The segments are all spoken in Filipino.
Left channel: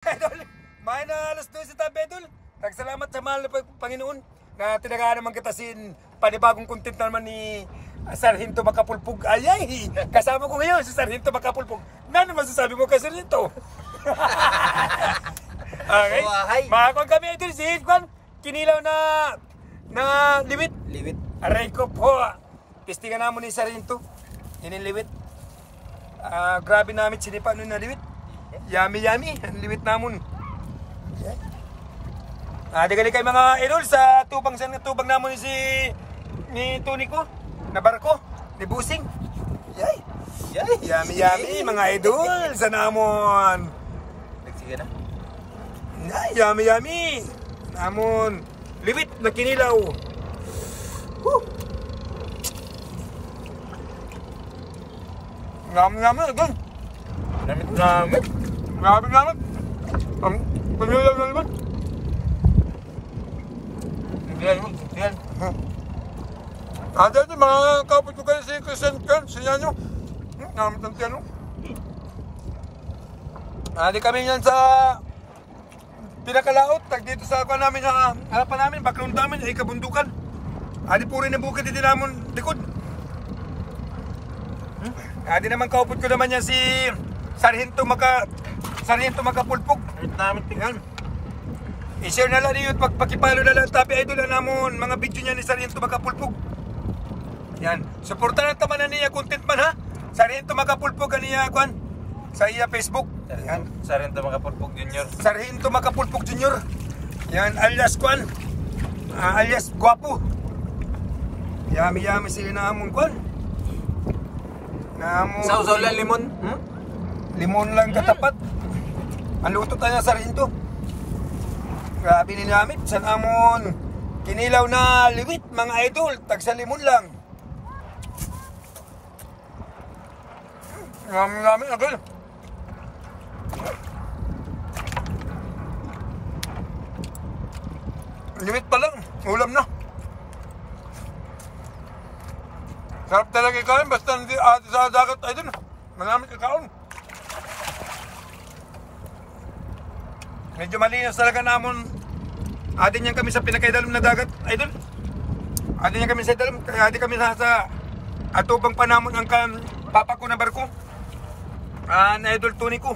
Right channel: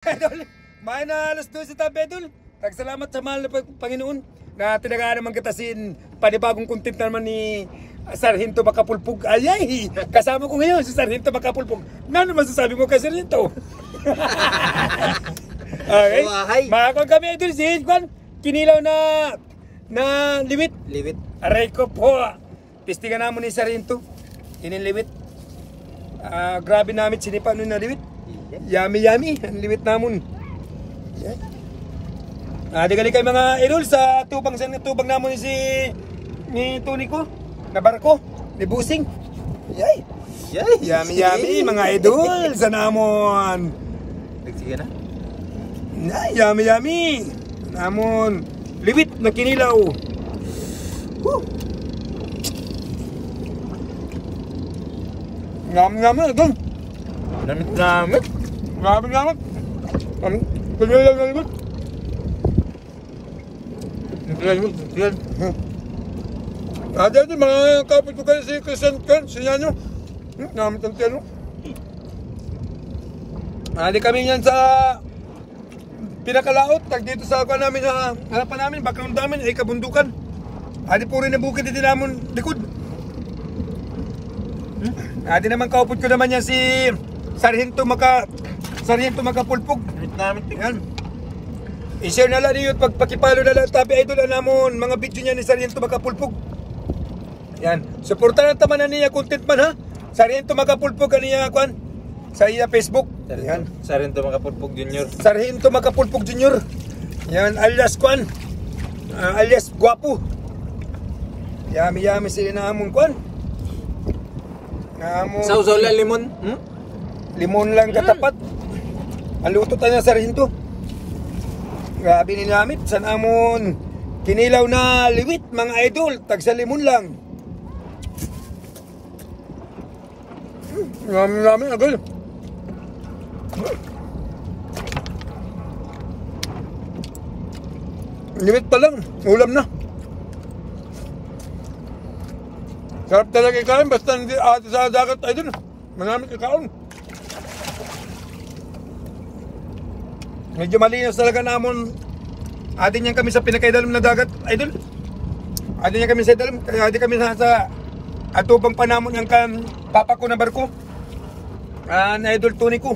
Idol, may na alas 12 tabi, Idol. Nagsalamat sa mahal na Panginoon na tinagaan naman katasin panibagong content naman ni Sargento Makapulpog. Ay, kasama ko ngayon si Sargento Makapulpog. Ano masasabi mo kay Sargento? Okay. Makakon kami, Idol, si Kwan. Kinilaw na liwit. Liwit. Aray ko po. Pistingan namin ni Sargento. Liwit. Grabe namin sinipa nun na liwit. Yummy ang liwit namon. Digali kay mga idol sa tubang namon ni Tony ko na barko ni Busing. Yummy mga idol sa namon. Sige na. Yummy namon liwit na kinilaw. Ngam idol. Namit. Grabe naman. Pagnilaw na liwit. Yan. Dito mga kapit ko kayo si Christian Kern, si Nyanyo. Namit ang telo. Di kami yan sa pinakalaot. Tag dito sa ako namin, harapan namin, background namin, ay kabundukan. Di puri na bukid dito namin likod. Di naman kaupot ko naman yan si Sargento Makapulpog. Namit. Yan. I-share na lang niyo at pagpakipalo na lang tabi idol namon mga video niya ni Sargento Makapulpog. Yan. Suportahan naman na niya content man ha. Sargento Makapulpog kaniya kwan sa iya Facebook. Yan. Sargento Makapulpog Junior. Sargento Makapulpog Junior. Yan alias kwan. Alias guwapo. Yami sila na among kwan. Sausaw lang limon. Limon lang katapat. Maluto tayo ng Sargento. Grabe nilamit. San amon kinilaw na liwit mga idol. Tag sa limon lang. Yummy agad. Liwit pa lang. Ulam na. Sarap talaga ikain. Basta hindi sa dagat idol. Manamit ikain. Medyo malinis talaga namon. Atin yan kami sa pinakaidalam na dagat, idol. Atin yan kami sa idalam. Kaya atin kami sa atubang panamon ang papa ko na barko. Na idol Tony ko.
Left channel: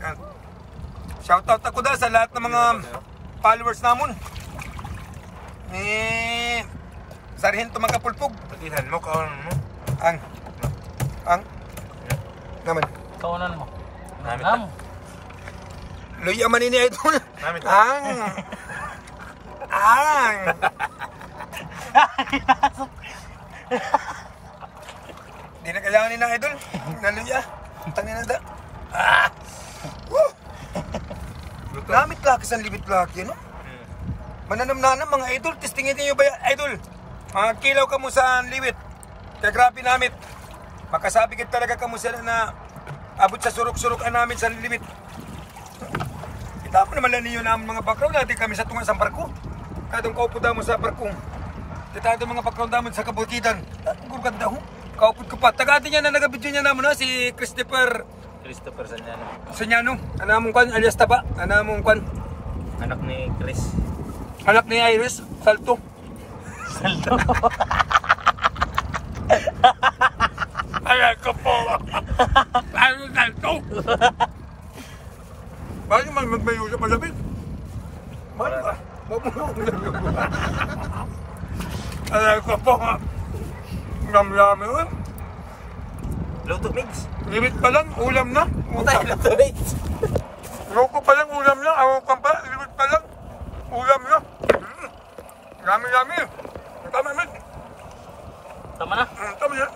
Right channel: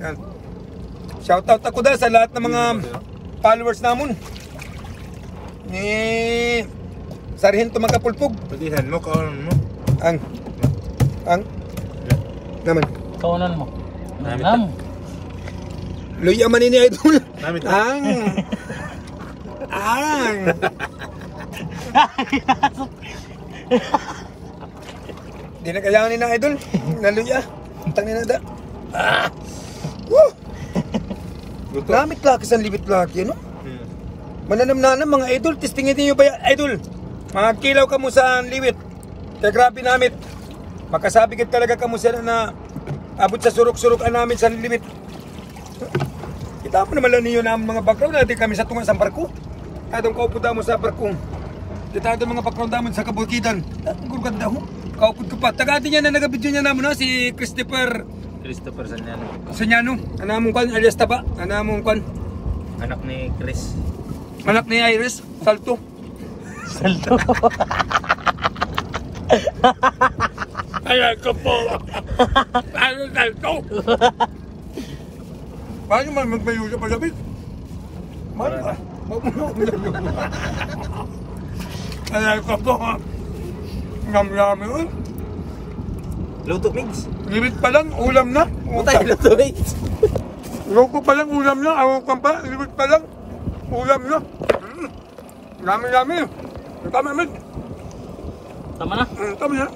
Yan. Shoutout ako sa lahat ng mga followers namon. Ni Sargento Makapulpog. Pagdihan mo, kaunan mo. Ang? Naman. Kaunan mo. Namit. Luya man ini idol. Namit. Ang. Di na kailangan ni na idol. Naluya. Tangin na da. Namit lakis ang libit laki, no? Mananam mga idol. Testingin niyo ba idol? Mga kilaw ka mo sa liwit. Kaya grabe namit. Makasabikit talaga ka mo sa na abot sa surok-surokan namin sa liwit. Kita mo naman lang niyo na mga background natin kami sa tungan sa barko. Atong kauputa mo sa barko. Kita ito mga background namin sa kabulkitan. Atong gurganda ho. Kauput ko pa. Tagati niya na nagabidyo niya naman si Christopher Sanyano. Sanyano. Anamong kwan alias Taba. Anamong kwan. Anak ni Chris. Anak ni Iris. Salto. Ayan ko po. Ano salto? Bakit man magmayo sa palabit? Bakit ba? Ayan ko po. Ngam-ngami ko. Luto mix. Limit pa lang, ulam na. Putay, luto mix. Luto pa lang, ulam na. Awang ka pa, limit pa lang. Ulam na. Ngami-ngami. Tama, Ahmed. Tama na? Tama na.